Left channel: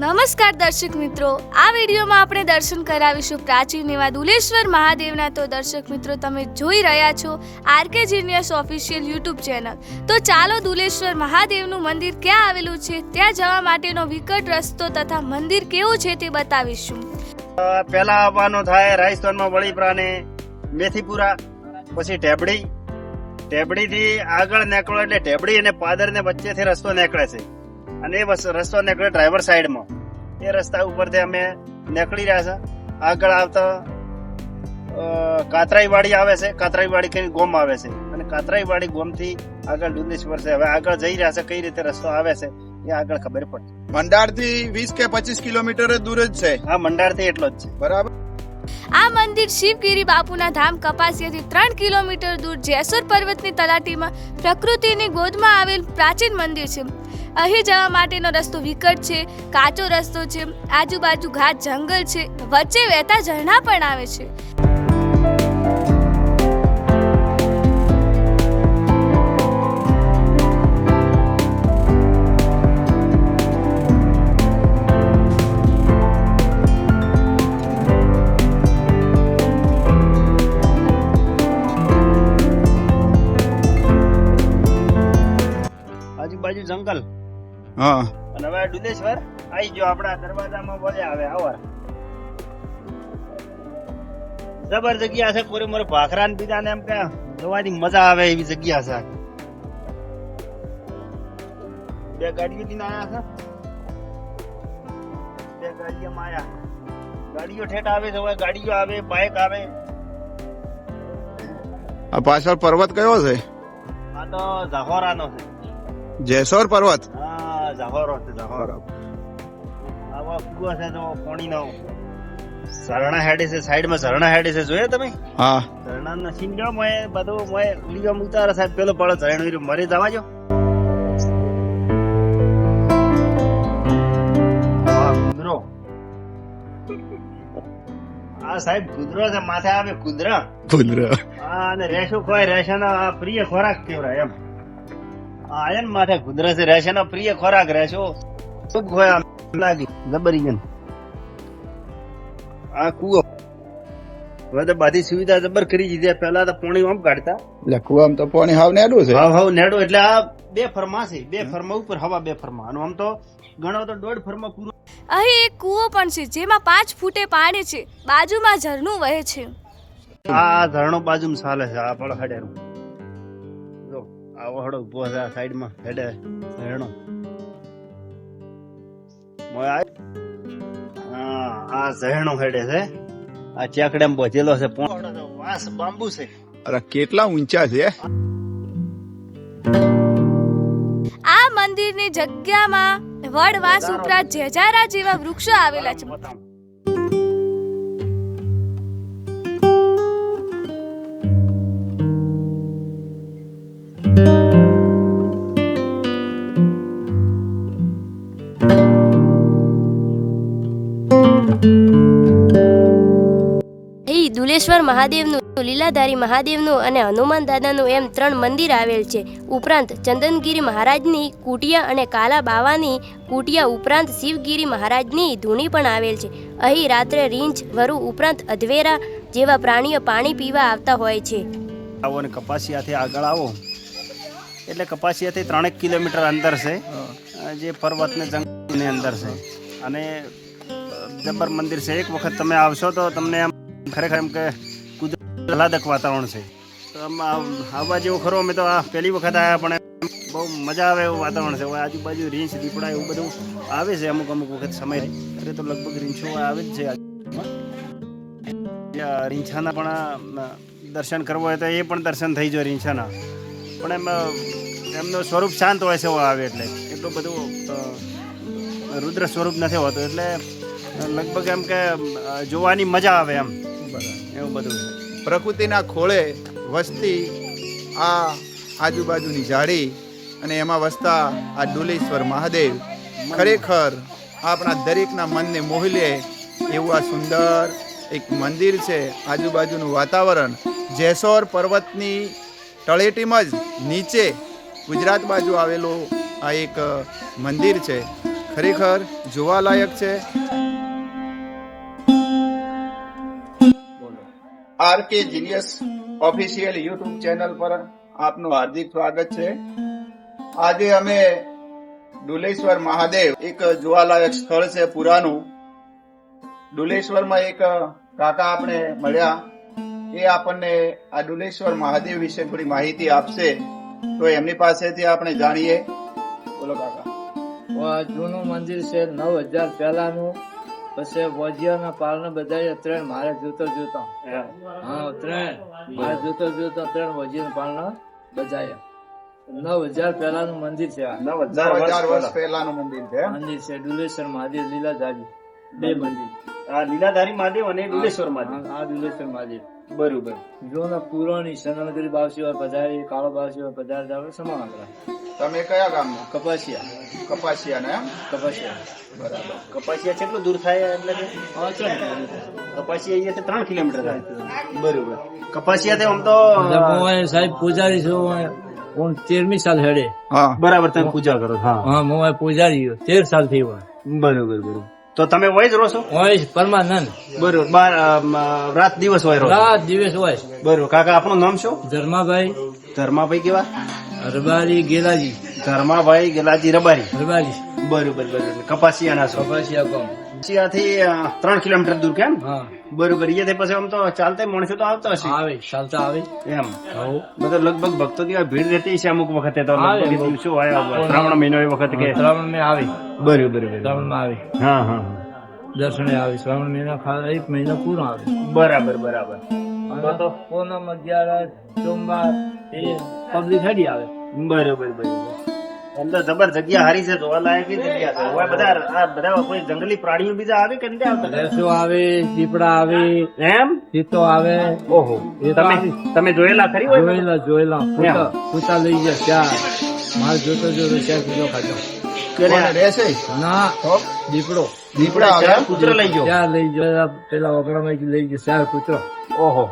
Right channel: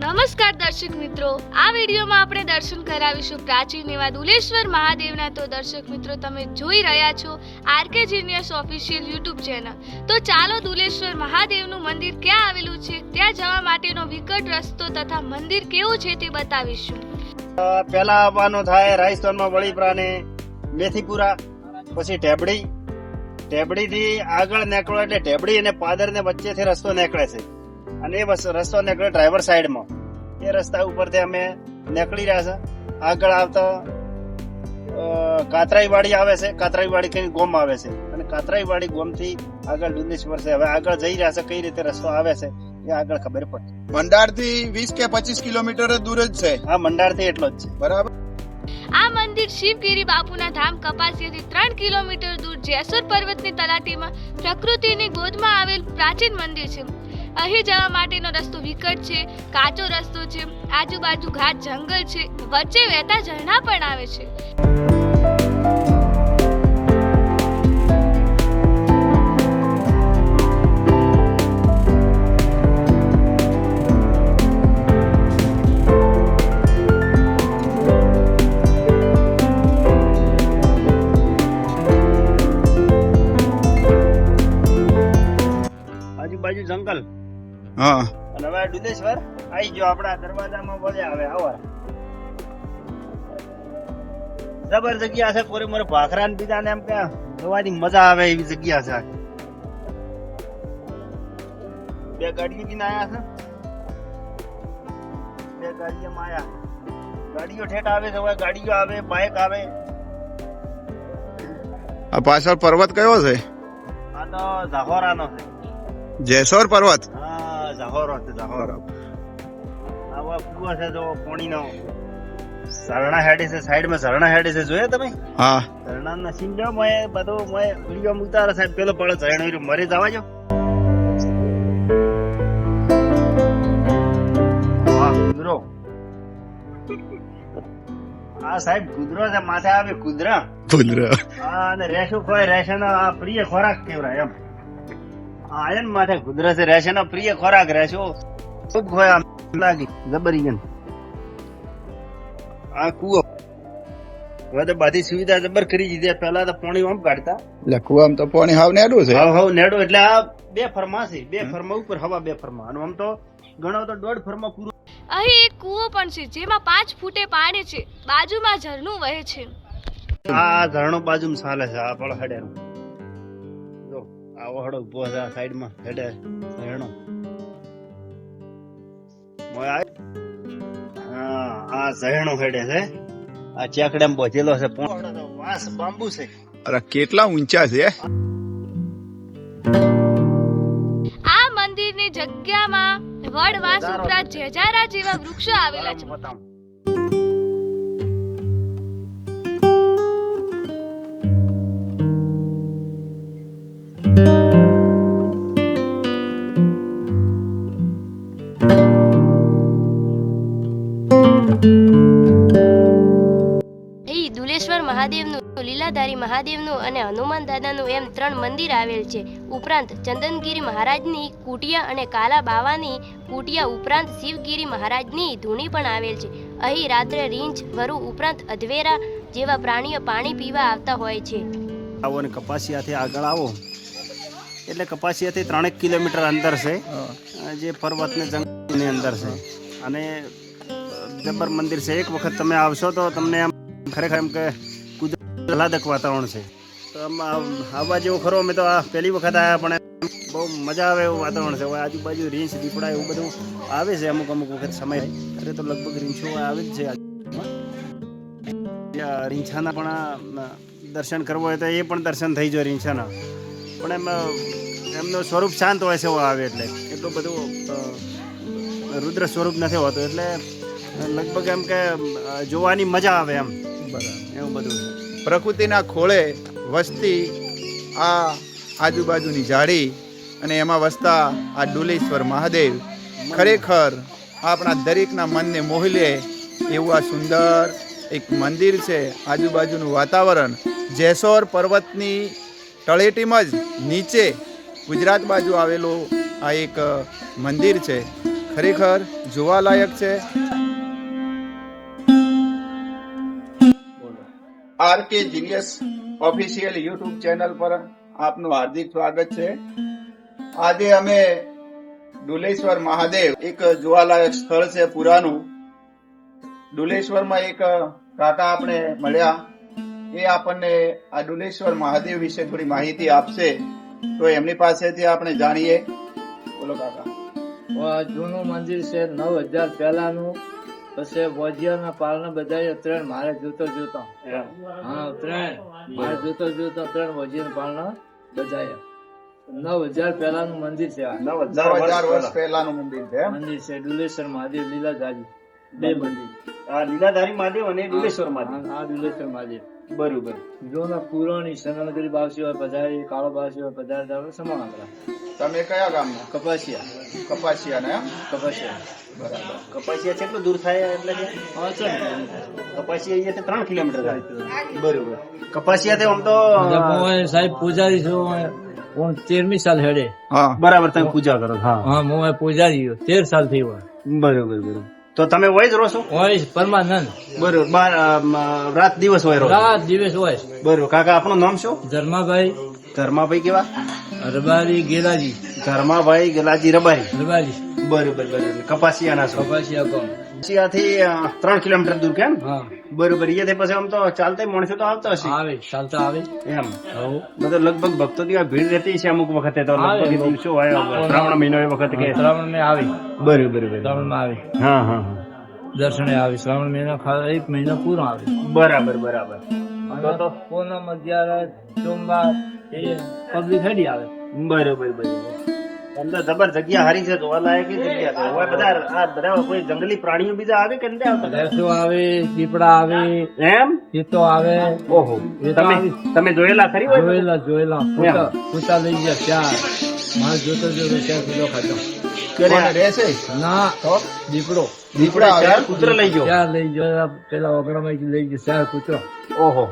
નમસ્કાર દર્શક મિત્રો, આ વિડીયોમાં આપણે દર્શન કરાવીશું પ્રાચીન એવા દુલેશ્વર મહાદેવના। તો દર્શક મિત્રો, તમે જોઈ રહ્યા છો RK genius official YouTube channel. તો ચાલો દુલેશ્વર મહાદેવનું મંદિર ક્યાં આવેલું છે, ત્યાં જવા માટેનો વિકટ રસ્તો તથા મંદિર કેવું છે તે બતાવીશું। પહેલા આવવાનો થાય રાજસ્થાનમાં વડીપરા ને મેથીપુરા, પછી ઢેબડી થી આગળ નીકળો એટલે ઢેબડી અને પાદર ને વચ્ચેથી રસ્તો નીકળે છે અને એ રસ્તો નીકળે ડ્રાઈવર સાઈડમાં। એ રસ્તા ઉપરથી અમે નીકળી રહ્યા છે। આગળ આવતા કાતરાઈવાડી આવે છે, કાતરાઈવાડી કઈ ગોમ આવે છે અને કાતરાઈવાડી ગોમ થી આગળ દુલેશ્વર છે। હવે આગળ જઈ રહ્યા છે, કઈ રીતે રસ્તો આવે છે એ આગળ ખબર પડશે। મંડાર થી 20 કે 25 કિલોમીટર દૂર જ છે। હા, મંડાર થી એટલો જ છે, બરાબર। આ મંદિર શિવગીરી બાપુના ધામ કપાસિયાથી 3 કિલોમીટર દૂર જેસોર પર્વતની તલાટીમાં પ્રકૃતિની ગોદમાં આવેલ પ્રાચીન મંદિર છે। અહીં જવા માટેનો રસ્તો વિકટ છે, કાચો રસ્તો છે, આજુબાજુ ઘાટ જંગલ છે, વચ્ચે વહેતા ઝરણા પણ આવે છે। આજુબાજુ જંગલ। હા, અને હવે દુલેશ્વર આવી ગયો આપણા દરવાજામાં બોલે આવે આવો। જબર જગ્યા છે, કોરે મોરે ભાખરા ને બીજા ને એમ કે જોવાની મજા આવે એવી જગ્યા છે। બે ગાડીઓ થી આયા છે, બે ગાડીઓમાં આયા। ગાડીઓ ઠેઠ આવે છે, ગાડીઓ આવે, બાઇક આવે। આ પાછળ પર્વત કયો છે? આ તો જાહોરાનો છે, જેસોર પર્વત। હા, જાહોરો છે, જાહોરો। આવા કુવા છે જો પાણીનો, ઝરણા હેડે છે, સાઈડમાં ઝરણા હેડે છે, જોયા તમે? હા, ઝરણાનો સીન જો મોય બધો મોય વિડિયો ઉતારે સાહેબ, પેલો પડો ઝરણો મરી જવા જો। હા, કુદરો। હા સાહેબ, કુદરો છે, માથે આવે કુદરા। હા, અને રેશો ખોય, રેશાનો પ્રિય ખોરાક કેવરાય એમ। હા, એમ માથે કુદરા છે, રેશાનો પ્રિય ખોરાક, રેશો ખૂબ ખોય લાગી જબરી ગન। આ કુવો હવે તો બધી સુવિધા જબર કરી દીધી। પહેલા તો પાણી આમ કાઢતા, એટલે કુવામાં તો પાણી હાવ નેડું છે। હાવ નેડો, એટલે આ 2 ફરમા છે, 2 ફરમા ઉપર હવા 2 ફરમા, અને આમ તો ગણો તો 1.5 ફરમા પૂરો। અહીં એક કૂવો પણ છે, જેમાં 5 ફૂટે પાણી છે, બાજુમાં ઝરણું વહે છે। આ ઝરણો બાજુમાં ચાલે છે, આ પણ હડે જો આ વહડો ઉભો છે, આ સાઈડમાં હેડે ઝરણો। હા, આ ઝરણો હેડે છે, આ ચાકડામાં પહોંચેલો છે, વાસ બાંબુ છે। અરે કેટલા ઊંચા છે! આ મંદિરની જગ્યામાં વડ, વાંસ ઉપરાંત જેજારા જેવા વૃક્ષો આવેલા છે। અહીં દુલેશ્વર મહાદેવનું, લીલાધારી મહાદેવનું અને હનુમાન દાદાનું એમ 3 મંદિર આવેલ છે। ઉપરાંત ચંદનગીરી મહારાજની કુટિયા અને કાલા બાવાની કુટિયા ઉપરાંત શિવગીરી મહારાજની ધૂણી પણ આવેલ છે। અહીં રાત્રે રીંછ, વરુ ઉપરાંત અધવેરા જેવા પ્રાણીઓ પાણી પીવા આવતા હોય છે। આવો ને કપાસિયાથી આગળ આવો એટલે કપાસિયાથી 3 કિલોમીટર અંતર છે, જે પર્વત ને જંગલની અંદર છે, અને જબર મંદિર છે। એક વખત તમે આવશો તો તમને એમ ખરેખર એમ કે કુદરત આહલાદક વાતાવરણ છે। તો આવવા જેવું ખરો, અમે તો આ પહેલી વખત આવ્યા, પણ બહુ મજા આવે એવું વાતાવરણ છે। હવે આજુબાજુ રીંછ, દીપડા એવું બધું આવે છે અમુક વખત સમય, અરે તો લગભગ રીંછો આવે જ છે। રીંછાના પણ દર્શન કરવો હોય તો એ પણ દર્શન થઈ જાય રીંછાના, પણ એમનું સ્વરૂપ શાંત હોય છે આવે એટલે, એટલું બધું રુદ્ર સ્વરૂપ નથી હોતું, એટલે લગભગ એમ કે જોવાની મજા આવે એમ, એવું બધું છે। પ્રકૃતિના ખોળે વસતી આ આજુબાજુની ઝાડી અને એમાં વસતા આ દુલેશ્વર મહાદેવ ખરેખર આપણા દરેકના મનને મોહી લે એવું આ સુંદર એક મંદિર છે। આજુબાજુનું વાતાવરણ જેસોર પર્વતની તળેટીમાં જ નીચે ગુજરાત બાજુ આવેલું આ એક મંદિર છે। ખરેખર જોવાલાયક છે. RK genius official YouTube channel પર આપનું હાર્દિક સ્વાગત છે. આજે અમે ડુલેશ્વર મહાદેવ એક જોવાલાયક સ્થળ છે પુરાનું. ડુલેશ્વરમાં એક કાકા આપણે મળ્યા, એ આપણને આ ડુલેશ્વર મહાદેવ વિશે થોડી માહિતી આપશે, તો એમની પાસેથી આપણે જાણીએ. બોલો કાકા. આ જૂનું મંદિર છે, 9000 પહેલાનું. પછી વોજિયાના પાલને બધા ત્રણ મારે જોતો હા ત્રણ મારે જોતો વોજિયાના પાલના બજાયા. 9000 પહેલાનું મંદિર છે. 9000 વર્ષ પહેલાનું મંદિર છે. મંદિર છે ડુલેશ્વર મહાદેવ લીલાધારી, બે મંદિર. આ લીલાધારી મહાદેવ અને ડુલેશ્વર મહાદેવ. આ ડુલેશ્વર મહાદેવ બરોબર. જોના પુરાણી સનનગરી બાવસી હોય પધારી, કાળો બાવસી હોય પધારી, સમાન આંકડા. તમે કયા ગામના? કપાસિયા. કપાસિયા ને? એમ? કપાસિયા. બરાબર. કપાસિયા કેટલું દૂર થાય? એટલે કે કપાસિયા અહીંયાથી 3 કિલોમીટર થાય. બરોબર. કપાસિયા આમ તો સાહેબ પૂજારી છું, 13મી સાલ હેડે. હા બરાબર. તમે પૂજા કરો? હા. હા હું પૂજારી 13 સાલ થઈ હોય. બરોબર બરોબર. તો તમે હોય જ રહો છો? હોય પરમાનંદ. બરોબર. રાત દિવસ હોય રહો? રાત દિવસ હોય. બરોબર. કાકા આપણું નામ શું? ધર્માભાઈ. ધર્માભાઈ કેવા? રબારી ગેલાજી. ધર્માભાઈ ગેલાજી રબારી. રબારી. બરોબર બરોબર. કપાસિયાના છો? કપાસિયા ગામ. કપાસિયાથી 3 કિલોમીટર દૂર કેમ? હા બરોબર. અહીંયાથી પછી આમ તો ચાલતા માણસો તો આવતા હશે? આવે, ચાલતા આવે. એમ હવ બધો લગભગ ભક્તો ત્યાં ભીડ રહેતી છે અમુક વખતે તો લગભગ એ દિવસો હોય શ્રાવણ મહિનો એ વખત કે શ્રાવણ માં આવે. બરોબર બરોબર. શ્રાવણ માં આવે, હા હા દર્શને આવે. શ્રાવણ મહિના 1 મહિનો પૂરો આવે. બરાબર બરાબર. તો પૂનમ, અગિયારસ, સોમવાર એ પબ્લિક હેડી આવે. બરોબર બરોબર. એમ તો જબર જગ્યા હારી છે, જોવાલાયક જગ્યા છે. હવે બધા આ બધા કોઈ જંગલી પ્રાણીઓ બીજા આવે કે નથી આવતા? ભેંસો આવે, દીપડા આવે, એમ? ચિત્તો આવે. ઓહો. તમે જોયેલા ખરી હોય? જોયેલા. પૂતા લઈ ગયા ચાર. માલ જોતો 4 કિલો ખાધો. રહેશે ના દીપડો. દીપડા આવે. કૂતરો લઈ ગયો? ચાર લઈ ગયો. પેલા ઓગણામાં લઈ ગયો 4 કૂતરો. ઓહો.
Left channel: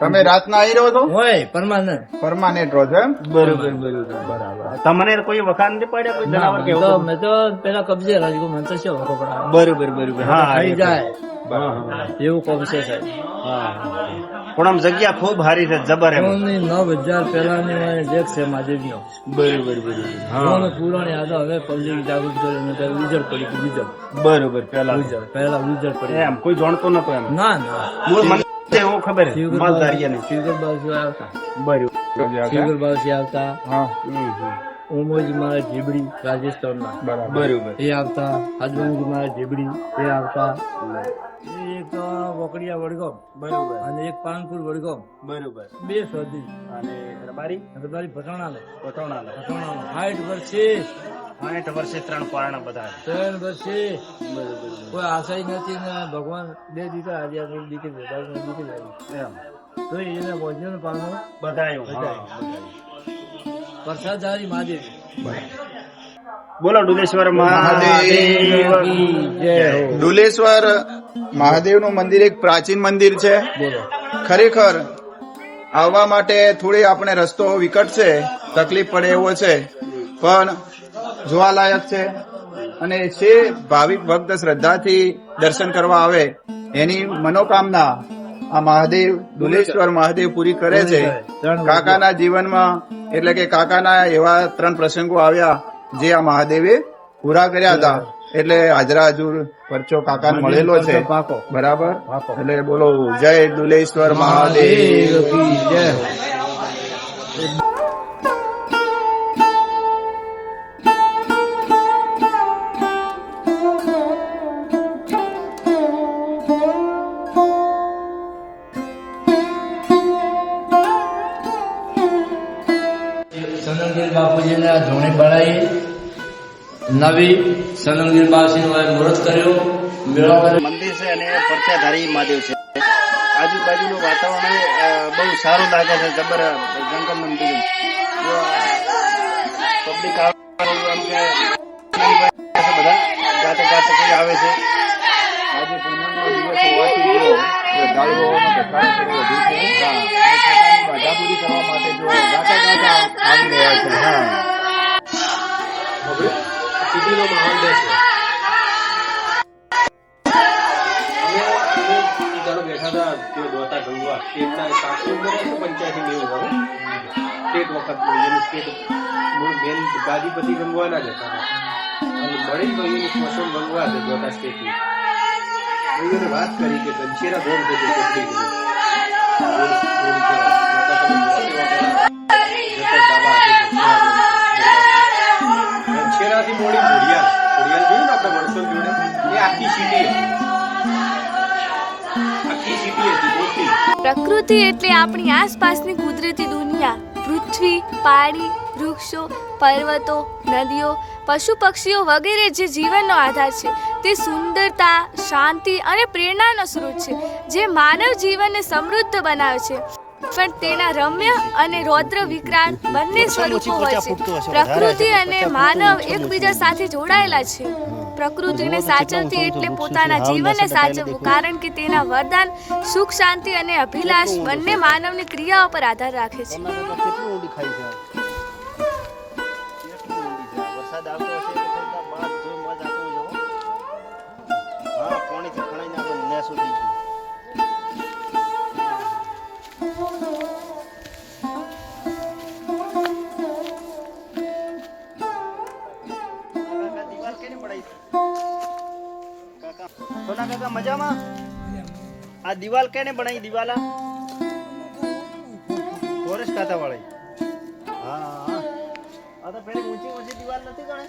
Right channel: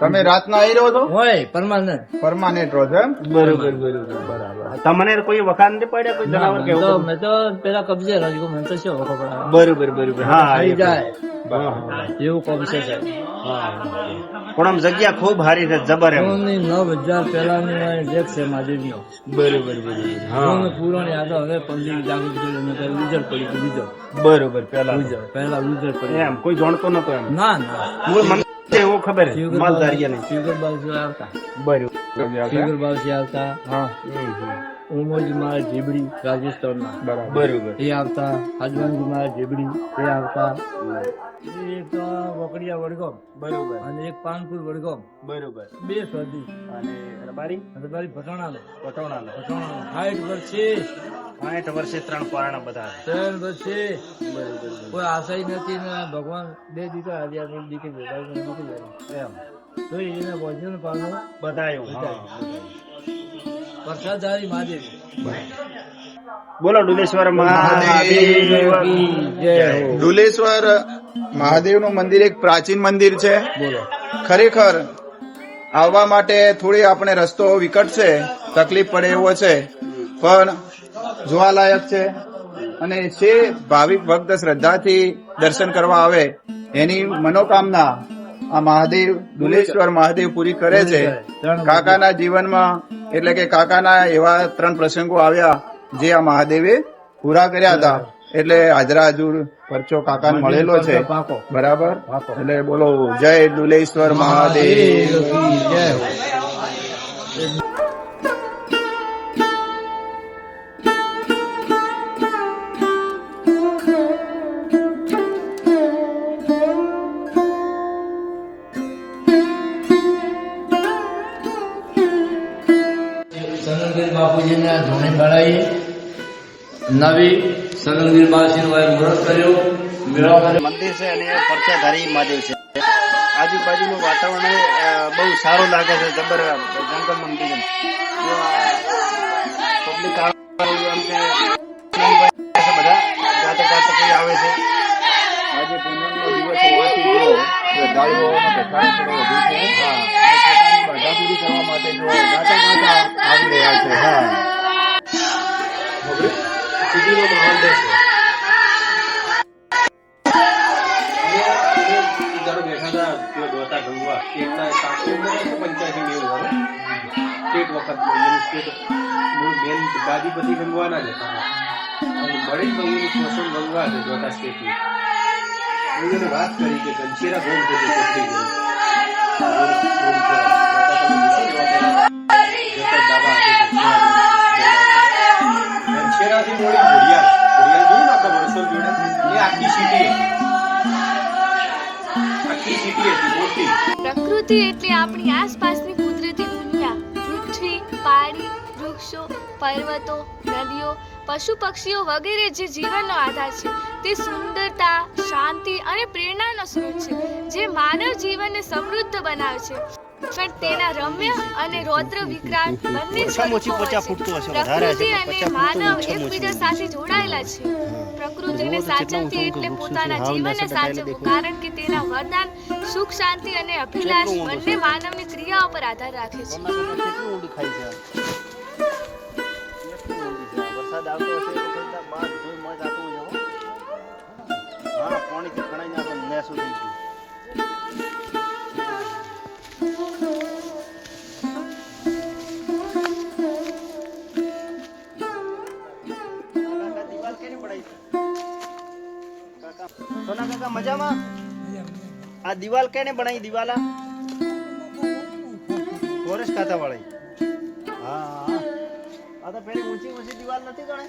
તમે રાતના આવી રહ્યો છો? હોય પરમાનન્ટ. પરમાનેન્ટ રહો છો એમ? બરોબર બરોબર. બરાબર. તમને કોઈ વખાણ નથી પડ્યા કોઈ જનાવર કે એવું? મેં તો પેલા કબજે રાજકો મને તો શું વખો પડાવે. બરોબર બરોબર. હા ખાઈ જાય હા એવું કબજે સાહેબ. હા. પણ આમ જગ્યા ખૂબ હારી છે, જબર એમ. 9000 પહેલાની જેક છે મહાદેવનો. બરોબર બરોબર. હા પુરાણી યાદો હવે પબ્લિક જાગૃત કરીને ઉજર પડી ગયું. ઉજર બરોબર. પહેલા ઉજર પડી. એમ કોઈ જાણતો નતો એમ? ના ના મૂળ મને એવું ખબર છે માલધારિયા નહીં. ફિગર બાવસી આવતા. બરોબર. ફિગર બાવસી આવતા. હા. ઓમોજી મારા જીબડી રાજસ્થાનના બરોબર. એ આવતા. હજવનજી મારા જીબડી એ આવતા. એક વકડિયા વડગામ બરોબર અને એક પાનપુર વડગામ. બરોબર. 2 સદી અને રબારી પટોણાનો 60 વર્ષે 60 વર્ષે 3 પારણા બધા. 3 વર્ષે બરોબર. કોઈ આશાય નથી ને ભગવાન 2 દીકરા આજે દીકરી એમ તો એને ભોજન પાનું બધાયું. હા પ્રસાદધારી મહાદેવ. બોલો ડુલેશ્વર મહાદેવ કી જય હો. ડુલેશ્વર મહાદેવનું મંદિર એક પ્રાચીન મંદિર છે. બોલો. ખરેખર આવવા માટે થોડી આપણે રસ્તો વિકટ છે, તકલીફ પડે એવો છે, પણ જોવાલાયક છે. અને જે ભાવિક ભક્ત શ્રદ્ધાથી દર્શન કરવા આવે એની મનોકામના આ મહાદેવ ડુલેશ્વર મહાદેવ પૂરી કરે છે. કાકાના જીવનમાં એટલે કે કાકાના એવા 3 પ્રસંગો આવ્યા જે આ મહાદેવે પૂરા કર્યા હતા. એટલે હાજરા હજુર પરચો કાકાને મળેલો છે. બરાબર. એટલે બોલો જય ડુલેશ્વર મહાદેવ કી જય હો. સનંગીર બાપુજીના ધોણી બનાવી નવી સનંગીર બાપુજીનો મુહૂર્ત કર્યો. મેળા મંદિર છે અને પરચાધારી મહાદેવ છે. આજુબાજુનું વાતાવરણ બહુ સારું લાગે છે, જબર જંગલ મંદિર. પબ્લિક એમ કે બધા જાતે જાતે કોઈ આવે છે. આજે પૂનમનો દિવસ હોવાથી જો શ્રદ્ધાળુઓનો ઘસારો થોડો વધુ છે. હા, અને પોતાની બાધા પૂરી કરવા માટે જો ગાતા ગાતા આવી રહ્યા છે. હા, સિટીનો માહોલ છે. વખત એની પેટ મેન બાદી પછી ગંગવાના જ હતા અને મળી તો એની પોષણ ગંગવા છે મોટા સ્ટેટની એને વાત કરી કે ગંશેરા ગોળ બધું પકડી ગયું ગંશેરાથી મોડી ઘોડિયાલ જોયું ને આપણે વરસલ જોડે એ આખી સીટી હતી મોટી. પ્રકૃતિ એટલે આપણી આસપાસની કુદરતી દુનિયા. પૃથ્વી, પાણી, વૃક્ષો, પર્વતો, નદીઓ, પશુ પક્ષીઓ વગેરે જે જીવનનો આધાર છે તે સુંદરતા, શાંતિ અને પ્રેરણાનો સ્ત્રોત છે જે માનવ જીવનને સમૃદ્ધ બનાવે છે. પણ તેના રમ્ય અને રૌદ્ર વિકરાળ બંને સ્વરૂપો હોય છે. પ્રકૃતિ અને માનવ એકબીજા સાથે જોડાયેલા છે. પ્રકૃતિને સાચવતી એટલે પોતાના જીવનને સાચવવું, કારણ કે તેના વરદાન, સુખ, શાંતિ અને અભિલાષ બંને માનવની ક્રિયાઓ પર આધાર રાખે છે. વરસાદ આવતો હશે તો બધા બાદ જોઈ મોજ આપવું જવો પાણીથી ખણાઈને આપણે મેસું થઈ ગયું. કાકા મજામાં? આ દિવાલ કેને બનાવી? દિવાલા ફોરેસ્ટ ખાતા વાળી. હા આ તો પેલી ઊંચી દિવાલ નથી ગણે.